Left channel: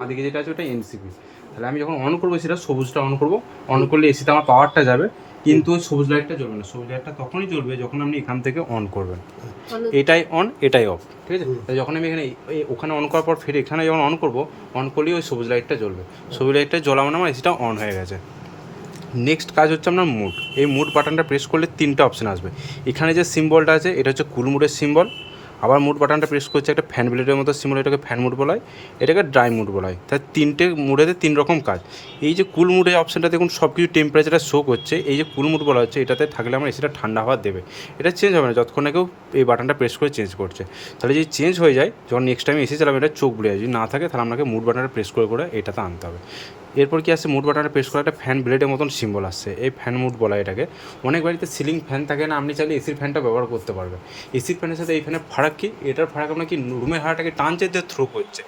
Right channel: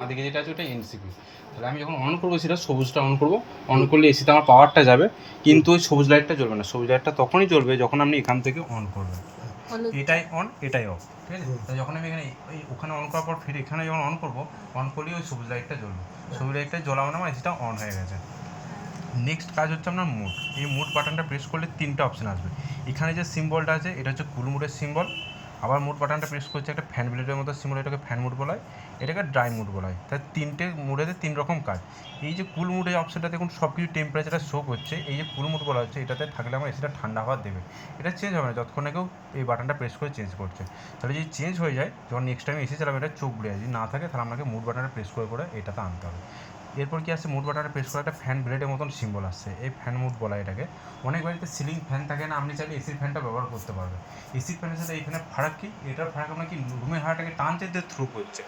আমাদেরকে যেটা আছে ওটা এনসিপি। তাহলে আমি যখন অন করবো সেটা সবুজটা অন করবো, অন করলে এসিতে আমার পাওয়ারটা যাবে, কিন্তু ওই সবুজ লাইটটা জ্বলবে না। সবুজ লাইটটা তখনই জ্বলবে যখন আপনি এখান থেকে অন করবেন। এটাই অন, এটাই অফ, ঠিক আছে? তাহলে যখন আমি এখানে ওখানে অন করার পর ফের এখানে যখন অন করবো, অন করলেই ওই সবুজ লাইটটা জ্বলবে। সবুজ লাইটটা জ্বলা মানে আমার এসিটা অন হয়ে গেছে। নেক্সট কাজ হচ্ছে আপনার মুড। এই মুড বাটনটা প্রেস করলে তিনটে অপশান আসবে। এখানে যে সিম্বলটা আছে এটা হচ্ছে কুল মুডের সিম্বল। আবার মুড বাটনটা প্রেস করছে একটা ফ্যান ব্লেডের মতো সিম্বল, এটাকে ফ্যান মুড বলা হয়, এটাকে ড্রাই মুড বলা হয়। তাই তিনটে মুডেতে তিন রকম কাজ। এই যে কুল মুডের অপশানটা দেখুন সব কিছু টেম্পারেচারটা শো করছে। এই যে কুল মুড বলা হচ্ছে এটাতে থাকলে আমার এসিটা ঠান্ডা হওয়া দেবে। এটা চেঞ্জ হবে না যতক্ষণ না কেউ এই বাটনটা প্রেস করে চেঞ্জ করছে। তাহলে যদি চেঞ্জ হয়ে যায়, যখন নেক্সট টাইম এসি চালাবে এটা চোখ বুড়ে যায়। যদি না থাকে তাহলে আপনাকে মুড বাটনটা প্রেস করে করে এটাতে আনতে হবে। এরপর কি আসছে, মুড বাটনটা প্রেস করে একটা ফ্যান ব্লেডের মতন সিম্বল আসছে, এই ফ্যান মুড বলা হয় এটাকে। অনেক বাড়িতে সিলিং ফ্যান থাকে না, আপনি চাইলে এসির ফ্যানটা ব্যবহার করতে পারবেন। এসির ফ্যানের সাথে এই ফ্যানের ফারাক কি, এটার ফারাক আপনার কি রুমের হাওয়াটাকে টানছে দিয়ে থ্রো করছে।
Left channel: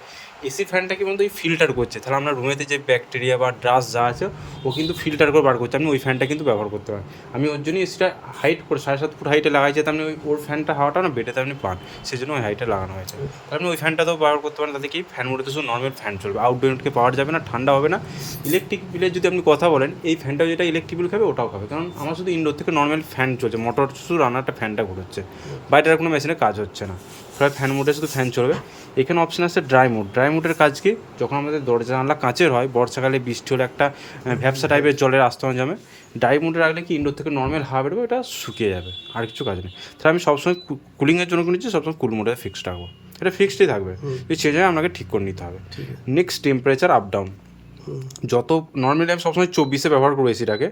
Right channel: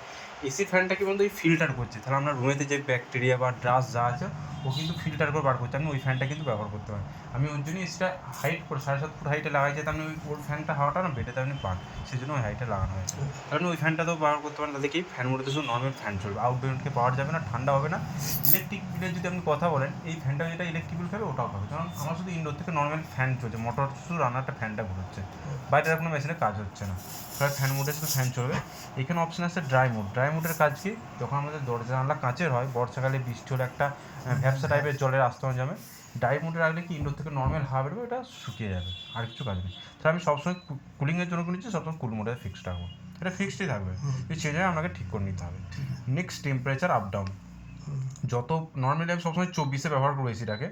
এসি ফ্যানটা কি বলতো এই ফিল্টার করছে, তাহলে আপনার রুমেতে যে ব্যাকটেরিয়া বা ডাস্ট যা আছে ও কিন্তু ফিল্টার করে বার করছে। আপনি ওই ফ্যানটা কিন্তু ব্যবহার করতে পারেন। আমি ওর জন্যই এসিটা হাইট করে 7.5 ফুট হাইটে লাগাইছে, তাহলে ওই ওর ফ্যানটা হাওয়াটা না বেডেতে আপনি পান, সেই জন্য ওই হাইটে লাগানো হয়েছে। তাহলে আপনি ওই ফ্যানটাতেও ব্যবহার করতে পারেন। তাতে কি ফ্যান মোডে শুধু নর্মাল ফ্যান চলবে, আউটডোর ইউনিটকে পাওয়ার যাবে না, ঠান্ডা হবে না। ইলেকট্রিক বিলের যদি আপনি কথা বলেন, এই ফ্যানটা যেটা ইলেকট্রিক বিল খাবে ওটাও খাবে, কারণ আমার শুধু ইনডোর থেকে নর্মাল ফ্যান চলছে, মোটর শুধু রান্নাটা ফ্যানটা ঘুরছে, বাইরের কোনো মেশিনে কাজ হচ্ছে না। প্রায় ফ্যান মোডে শুধু ফ্যান চলবে। এখানে অপশান আছে ড্রাই মোড। ড্রাই মোডের কাজ কি, যখন আমাদের দরজা জানলা কাঁচের হয়, বর্ষাকালে বৃষ্টি হলে একটা ভ্যাপসা টাইপের জলের আস্তরণ জমে, ড্রাই মোডে রাখলে কি ইনডোর থেকে নর্মাল হাওয়া বেরোবে, এটা শুকিয়ে যাবে, আর কিছু কাজ নেই। তাহলে আমি সবসময় কুলিংয়ের জন্য কিনেছি, সবসময় কুল মোডে ফিক্সড রাখবো, এটা ফিক্সডই থাকবে। যদি চেঞ্জ হয় আপনাকে ঠিক করে নিতে হবে। Next temperature up down. যত নর্মালি আমি সবসময় 24-এ ব্যবহার করবো এসিটাকে।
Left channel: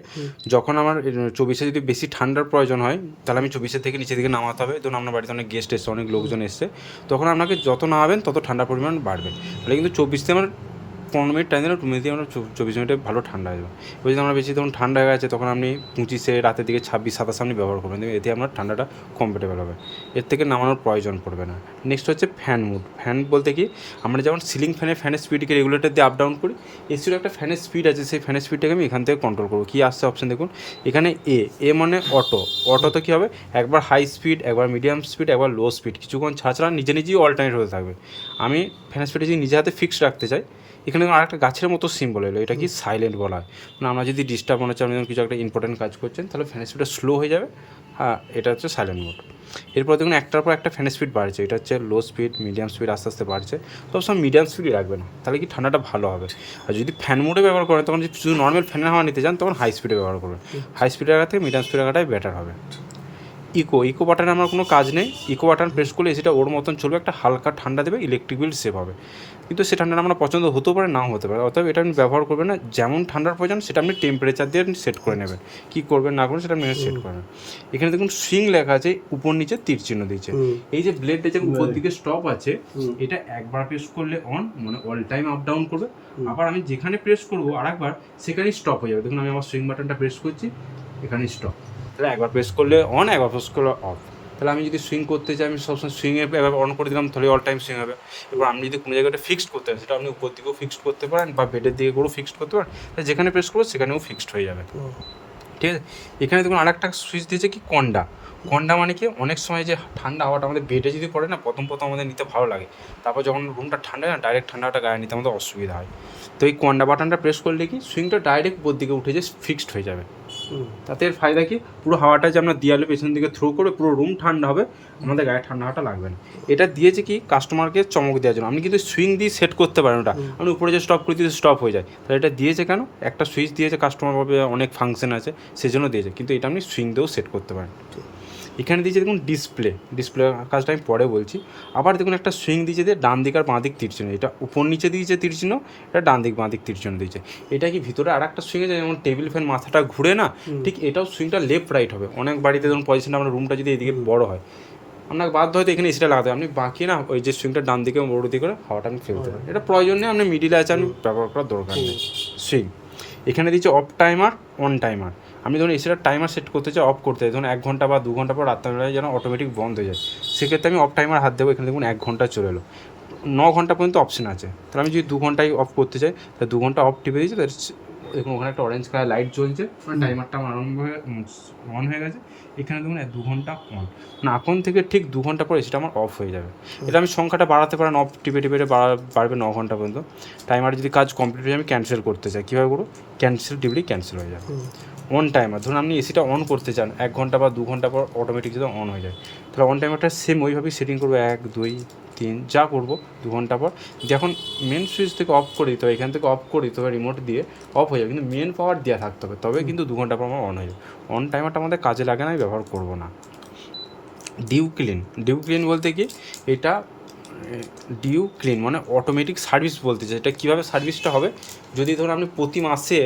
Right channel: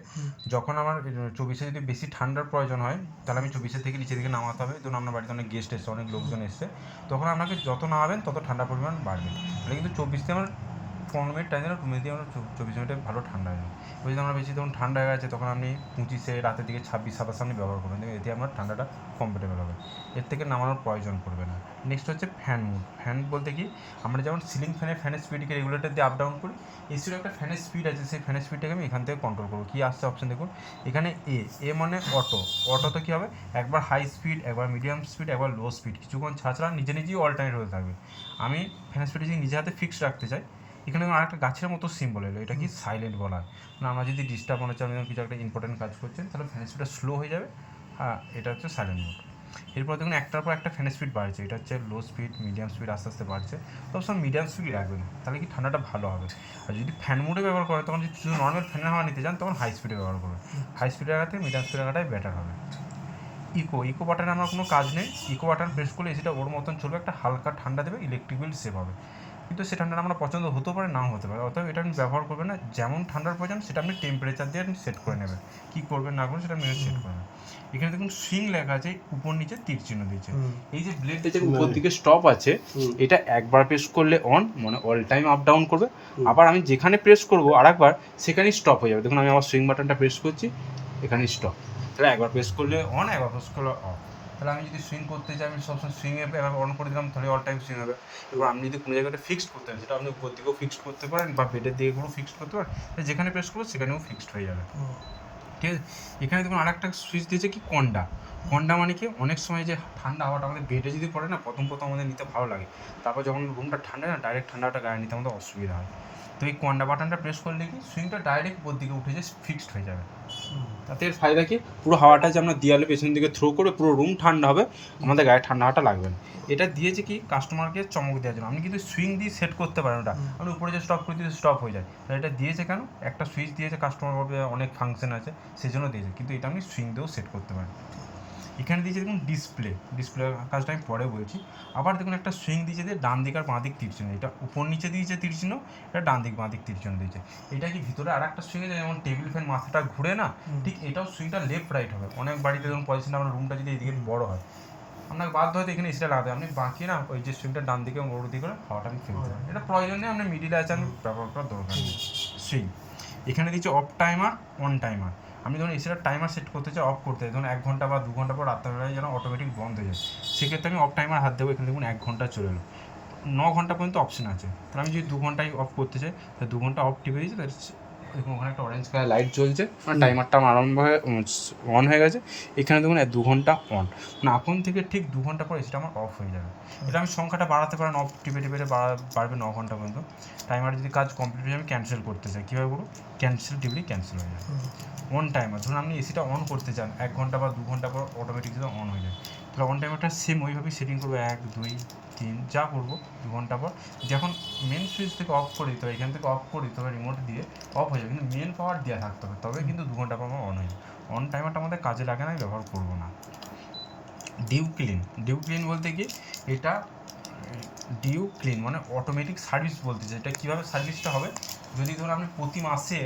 যখন আমার 24-এ যদি বেশি ঠান্ডার প্রয়োজন হয়, তাহলে আমি 24-এর থেকে নিচের দিকে নামাতে হবে। ধরুন আপনার বাড়িতে অনেক গেস্ট এসছে, অনেক লোকজন এসছে, তখন আপনাকে যত নামাবেন তত ঠান্ডার পরিমাণ বাড়বে। তাহলে কিন্তু 24-তে আমার 15 মিনিট টাইম দিলে রুমে দিয়ে আমরা 24 মিনিটে ভালো ঠান্ডা হয়ে যাবে। এবার যদি আমরা বেশি তখন ঠান্ডা হয়ে গেছে, তখন আপনি 25-এ রাতের দিকে 26-27 আপনি ব্যবহার করবেন, এতে আপনার ঠান্ডাটা কমফোর্টেবল হবে, এর থেকে নামানোর প্রয়োজন পড়বে না। নেক্সট হচ্ছে ফ্যান মুড। ফ্যান বলতে কি, আমরা যেমন সিলিং ফ্যানের স্পিডকে রেগুলেটর দিয়ে আপ ডাউন করি, এসিরও একটা ফ্যানের স্পিড আছে, সেই ফ্যানের স্পিডটাকে আমি এখান থেকে কন্ট্রোল করবো। কী আসছে অপশান দেখুন এখানে, এ মানে অটো। অটোতে কী হবে, একবার হাই স্পিড, একবার মিডিয়াম স্পিড, একবার লো স্পিড, কিছুক্ষণ ছাড়া নিজে নিজেই অল্টারনেট হতে থাকবে। আমি ফ্যানের স্পিডে যদি নিজে হাতে ফিক্সড রাখতে চাই, এখানে আরেকটা গাছের মতো সিম্বল এলো, এটা কি সাইলেন্ট বলা হয়। মানে আমরা যদি ডিস্টার্ব মনে হচ্ছে, আপনি কিছু একটা ইম্পর্টেন্ট কাজ করছেন, তাহলে ফ্যানের স্পিডটা স্লো হয়ে যাবে। হ্যাঁ, এটা হচ্ছে সাইলেন্ট মোড। এরপর দেখুন একটার পর একটা ফ্যানের স্পিড বাড়ছে, এটা হচ্ছে লো স্পিড, মিডিয়াম স্পিড আস্তে আস্তে বাড়ছে। সবসময় মিডিয়াম স্পিডই রাখবেন, তাহলে কি ঠান্ডাটা ভালো হবে। আর যদি ফ্যান মোডে ব্যবহার করেন, তখন যদি শুধু নর্মাল ফ্যানের হাওয়া নিতে চান, তখন হাই স্পিডে ব্যবহার করবেন। হাই স্পিডে রাখা থেকে মিডিয়াম স্পিডে রাখাটাই বেটার হবে। ইকো বাটনে আমার কোনো কাজ নেই। ইকো বাটন প্রেস করলে এসিটা ওর মতন চলবে, একটা হালকা ঠান্ডা দেবে, ইলেকট্রিক বিল সেভ হবে। কিন্তু সে ঠান্ডাটা আমরা পছন্দ হতেও পারে, নাও হতে পারে, অতএব এটা আপনি ব্যবহার করবেন না। যেমন ঠান্ডার প্রয়োজন সেটা আপনি টেম্পারেচার দিয়ে সেট করে নেবেন, কী করবেন না করবেন সেটা আপনি সেট করবেন। এখানে দেখুন সুইং লেখা আছে, উপর নিচে তীর চিহ্ন দিয়েছে। এই যে ব্লেডটা যে উপর দিকে স্টপ আছে, এটা একবার প্রেস করলে অন, মানে অল টাইম আপ ডাউন করবে। আবার আমি যেখানে প্রেস করবো আরেকবার, সেখানেই স্টপ হয়ে যাবে। দেখুন আমি আমার সুইং বাটনটা প্রেস করছি, এখানেই স্টপ। তাহলে একবার প্রেস করলে অন, একবার প্রেস করলে অফ। তাহলে আমি যদি সুইং করতে চাই, আমি সবসময় সুইংয়ে এবার অন করে দিলাম, তাহলে অল টাইম সুইং হবে। এবার আপনি যদি কোনো জায়গাটা ফিক্সড করতে চান, সেটা আপনি উপর দিকেও ফিক্সড করতে পারেন বা বেডের দিকে করেও ফিক্সড করতে পারেন। তাহলে যেখানে প্রেস করবো সেখানেও ফিক্সড হয়ে যাবে, ঠিক আছে? এখানে দেখুন আরেকটা সুইচ দিয়েছে কি, কন্ডা। কন্ডা মানে কি, অনেক সময় যে ঠান্ডা হাওয়াটা আমাদের বেডে যদি পড়ে না, প্রথম আমাদের নিতে ভালো লাগে, তারপর যখন রুমটা ঠান্ডা হয় না, ডাইরেক্ট ঠান্ডাটা গায়ে নিতে আমাদের অসুবিধা হয়। তো এই কন্ডা বাটনটা প্রেস করলে কি, সুইংটা ডাইরেক্ট উপর দিকে উঠে যে ফিক্সড হয়ে যাবে। তাতে এর ফায়দা কি, পুরো হাওয়াটা যে আমরা দেয়ালে পেছন দিকে থ্রো করে পুরো রুম ঠান্ডা হবে, আমাদের গায়ে ঠান্ডা হাওয়াটা লাগবে না। এটা দিয়েছে কি, কাস্টমারকে চমক দেওয়ার জন্য। আপনি কিন্তু সুইং দিয়ে সেট করতে পারেন, ওটা আপনি উপরে যে স্টপ করে দিয়ে স্টপ হয়ে যায়। তাহলে এটা দিয়েছে কেন, একটা সুইচ দিয়েছে, কাস্টমার ভাবে অনেক ফাংশন আছে সেজন্য দিয়েছে, কিন্তু এটা আপনি সুইং দিয়েও সেট করতে পারেন। এখানে দিয়েছে দেখুন ডিসপ্লে কাজটা আমি পরে বলছি। আবার দেখুন একটা সুইং দিয়েছে দিয়ে ডান দিক আর বাঁ দিক তীর চিহ্ন, এটা উপর নিচে দিয়েছে তীর চিহ্ন, এটা ডান দিক বাঁ দিক তীর চিহ্ন দিয়েছে। এটা কি ভিতরে আর একটা সুইং আছে, যেমন টেবিল ফ্যান মাথাটা ঘুরে না, ঠিক এটাও সুইংটা লেফট রাইট হবে। অনেক বাড়িতে ধরুন পজিশনটা আমরা রুমটা যদি এদিকে বড় হয়, আপনার বাধ্য হয়তো এখানে এসিটা লাগাতে হবে, আপনি বাকি না ওই যে সুইংটা ডান দিকে বড় দিকে করে হাওয়াটা আপনি ফেলতে পারেন। এটা প্রয়োজন নেই, আপনি মিডিলে আছে, আপনি ব্যবহার করার দরকার নেই। সুইং এখানে দিচ্ছে অফ টাইমার, অন টাইমার। আমি ধরুন এসিটার টাইমার সেট করতে চাই, অফ করতে চাই, ধরুন 1 ঘন্টা বা 2 ঘন্টা পর রাত্রেবেলায় যেন অটোমেটিক বন্ধ হয়ে যায়, সেক্ষেত্রে আমি অফ টাইমার হাত দেবো। এখানে দেখুন 1 ঘন্টা চলে এলো, 9 ঘন্টা পর্যন্ত অপশন আছে। তাহলে আমি যদি 2 ঘন্টায় অফ করতে চাই, তাহলে 2 ঘন্টা অফ টিপে দিয়েছি, দেখুন ওখানে একটা অরেঞ্জ কালার লাইট জ্বলছে, মানে টাইমারটা আমার আরম্ভ হয়ে অন হয়ে গেছে। এখানে দেখুন 2 ঘন্টা অন, মানে এখন থেকে ঠিক 2 ঘন্টা পরে সেটা আমার অফ হয়ে যাবে। এটা আমি সংখ্যাটা বাড়াতে পারেন, অফ টিপে টিপে বাড়বে 9 ঘন্টা পর্যন্ত। টাইমার যদি কাজ কমপ্লিট হয়ে আমি ক্যান্সেল করতে চাই, কীভাবে করবো? ক্যান্সেল টিপলেই ক্যান্সেল হয়ে যাবে। অন টাইমার ধরুন আপনি এসিটা অন করতে চান 1 ঘন্টা বা 2 ঘন্টা পর অটোমেটিক যদি অন হয়ে যায়, তাহলে অন টাইমারটা সেম ওইভাবেই সেটিং করবো 1 2 3 যা করবো 2 ঘন্টা পর যখন মেন সুইচ থেকে অফ করে দিতে হবে, এখান থেকে অফ করে দিতে হবে রিমোট দিয়ে, অফ হয়ে যাবে, কিন্তু মেন পাওয়ার দেওয়া থাকতে হবে, তবে কিন্তু 2 ঘন্টা পর আমার অন হয়ে যাবে। অন টাইমারটা আমাদের কাজে লাগে না, ব্যবহার করবো না। ডিউ ক্লিন বলতে কি, এটা ডিউ ক্লিন মানে অটোমেটিক সার্ভিস বলতে চাই। এটা কীভাবে সার্ভিসটা হবে, যদি ধরুন আপনি প্রতি মাসে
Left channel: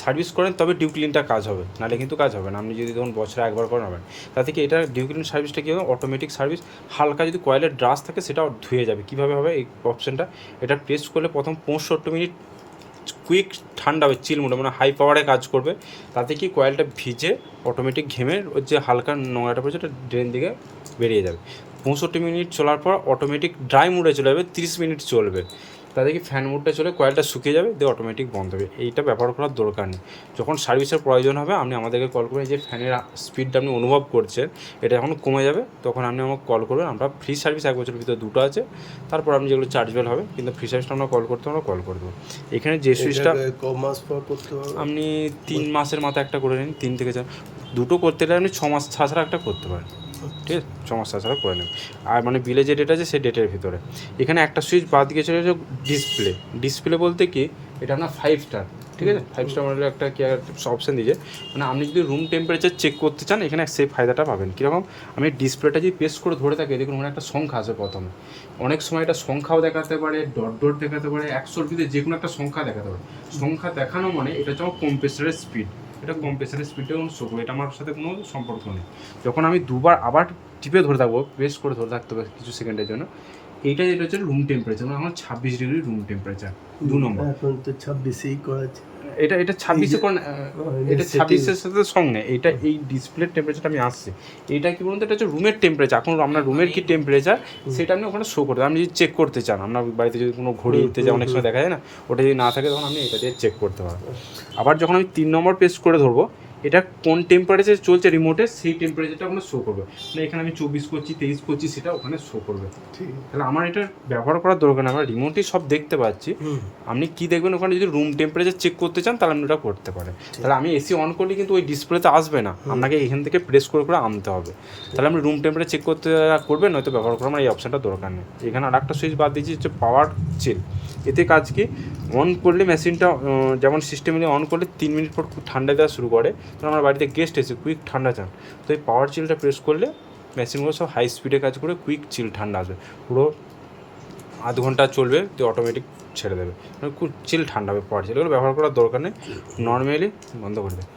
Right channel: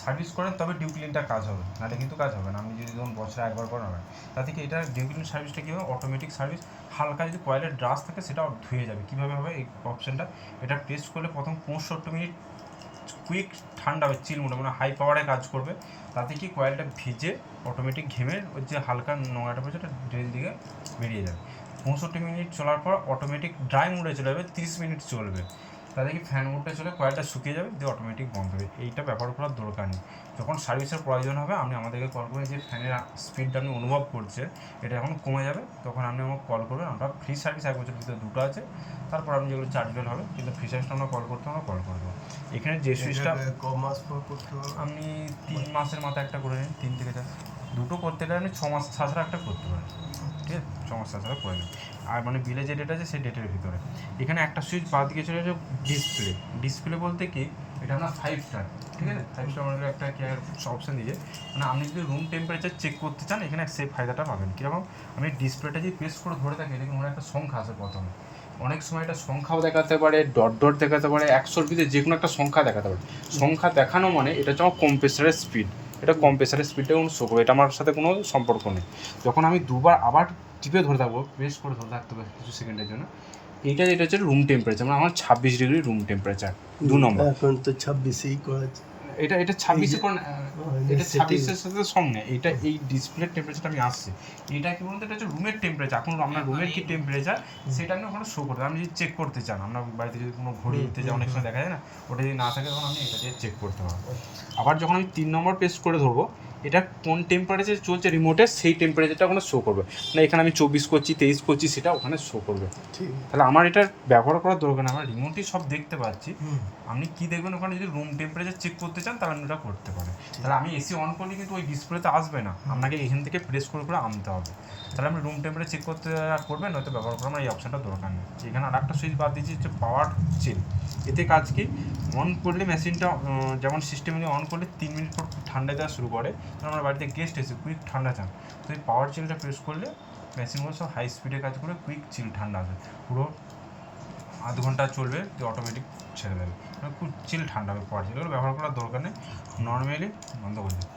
সার্ভিস করেন তবে ডিউ ক্লিনটা কাজ হবে, নাহলে কিন্তু কাজ হবে না। আপনি যদি ধরুন বছরে একবার করেন হবে, তাতে কি এটা ডিউ ক্লিন সার্ভিসটা কী হবে, অটোমেটিক সার্ভিস। হালকা যদি কয়েলের ড্রাস থাকে সেটাও ধুয়ে যাবে। কীভাবে হবে এই অপশানটা, এটা প্রেস করলে প্রথম 65 মিনিট কুইক ঠান্ডা হবে, চিল মোডে মানে হাই পাওয়ারে কাজ করবে। তাতে কি কয়েলটা ভিজে অটোমেটিক ঘেমে ওর যে হালকা নোংরাটা পড়ছে ওটা ড্রেন দিকে বেরিয়ে যাবে। 65 মিনিট চলার পর অটোমেটিক ড্রাই মোডে চলে যাবে, 30 মিনিট চলবে। তাতে কি ফ্যান মোডটা চলে কয়েলটা শুকিয়ে যাবে, দিয়ে অটোমেটিক বন্ধ হবে। এইটা ব্যবহার করার দরকার নেই। যখন সার্ভিসের প্রয়োজন হবে আপনি আমাদেরকে কল করবেন। যে ফ্যানের স্পিডটা আপনি অনুভব করছেন এটা যখন কমে যাবে তখন আপনি আমাকে কল করবেন। আমরা ফ্রি সার্ভিস 1 বছরের ভিতরে 2টো আছে, তারপর আপনি যেগুলো চার্জেবল হবে, কিন্তু ফ্রি সার্ভিসটা আমরা কল করতে আমরা কল করবো। এখানে যে সুইচটা মাস পর করতে হবে, আপনি 3 মাসের মাথায় একটা করে নিন, 3 থেকে 4 দুটো করতে গেলে আপনি 6 মাস ছাড়া একটা করতে পারেন, ঠিক আছে? 6 মাস ছাড়া করে নেন। আর মানে বিলে যে ডেট আছে সেই ডেটের ভিতরে। এখানে একটা সুইচ বাদ দিয়ে চলে যাচ্ছে ডিসপ্লে বলতে কি, এটা না 5 স্টার, ঠিক আছে? 5 স্টার মডেলের একটা কি অপশান দিয়েছে, মানে আপনি যদি রুম টেম্পারেচার চেক করতে চান এখানে সেই ফায়দাটা পাবেন। কীরকম, আমি ডিসপ্লেটা যদি প্রেস করে ধরে থাকি দেখুন মানে একটা সংখ্যা আছে প্রথমে, অনেক সময় এটা সংখ্যাও দেখাতে পারে, ডট দেখাতে পারে, 100-র ভিতরে যে কোনো একটা সংখ্যা দেখাতে পারে। সংখ্যা দেখানো মানে এটা হচ্ছে আমার কম্প্রেসারের স্পিড, এটা কম্প্রেসারের স্পিডটা কোনো শো করবে, এটা আমার সাথে কোনো সম্পর্ক নেই। যখন আমি দুবার আবার টিপে ধরে থাকবো, প্রেস করে ধরে থাকতে হবে কিছু সেকেন্ডের জন্য, এইটা যেটা হচ্ছে রুম টেম্পারেচার, মানে আমার 26 ডিগ্রি রুম টেম্পারেচার 2 নম্বর। এখন তো 26ই করা আছে। এটা 26-এ কোন, এটা 26-এর সাথে সঙ্গে এটা এই ডিসপ্লের টেম্পারেচারটা আমি আসছে। এইটা কি বলুন তো, এটা হচ্ছে রুমের টেম্পারেচার। এখন আপনার রুমের কি টেম্পারেচার সেটা আপনি ওখানে শো করতে, আপনি যদি চেক করতে চান, আপনার বাড়িতে যদি কোনো ঘড়ি দিতে যায় অনেক সময় দেখা যায় না, ওটা যদি না থাকে তখন আপনি এটা দিয়ে চেক করতে পারবেন। আবার যখন আমি 3 নম্বর প্রেস করে ধরবো, এটা কোন টেম্পারেচার চলছে রিমোটে সেই টেম্পারেচারটা ওখানে শো করবে, না এখানে আমি 24 করছি 23 করছি সেটা ওখানে শো করবে। তাহলে আমার এটা ব্যবহার করার দরকার নেই, আমরা রিমোটই সব দেখতে পাচ্ছি। আপনি কি দেখবেন ওখানে যদি রুম টেম্পারেচার চেক করতে চান তাহলে আপনি ওটা করতে পারেন। তাহলে আমি এসি অন করলে কিন্তু ওই ডিসপ্লেতে আসবে না, আপনাকে এখান থেকে প্রেস করে আনতে হবে। তাহলে আপনি রুম টেম্পারেচার চেক করতে করবেন, নয়তো ব্যবহার করার আমার এই অপশানটা দরকার নেই। এখানে আর একটা সুইচ বাদ দিয়েছি হচ্ছে পাওয়ার চিল। এতে কাজ কি, অন করলে মেশিনটা যেমন সিস্টেমে অন করলে 3 মিনিট পর খুব ঠান্ডা দেওয়া শুরু করে, তো আমার বাড়িতে গেস্ট এসে কুইক ঠান্ডা চান, তো এই পাওয়ার চিলটা প্রেস করলে মেশিনগুলো সব হাই স্পিডে কাজ করে কুইক চিল ঠান্ডা আসবে, পুরো আধ ঘন্টা চলবে, তো অটোমেটিক ছেড়ে দেবে, মানে খুব চিল ঠান্ডা হবে পাওয়ার চিল। এগুলো ব্যবহার করার দরকার নেই, নর্মালি বন্ধ করে দেবে।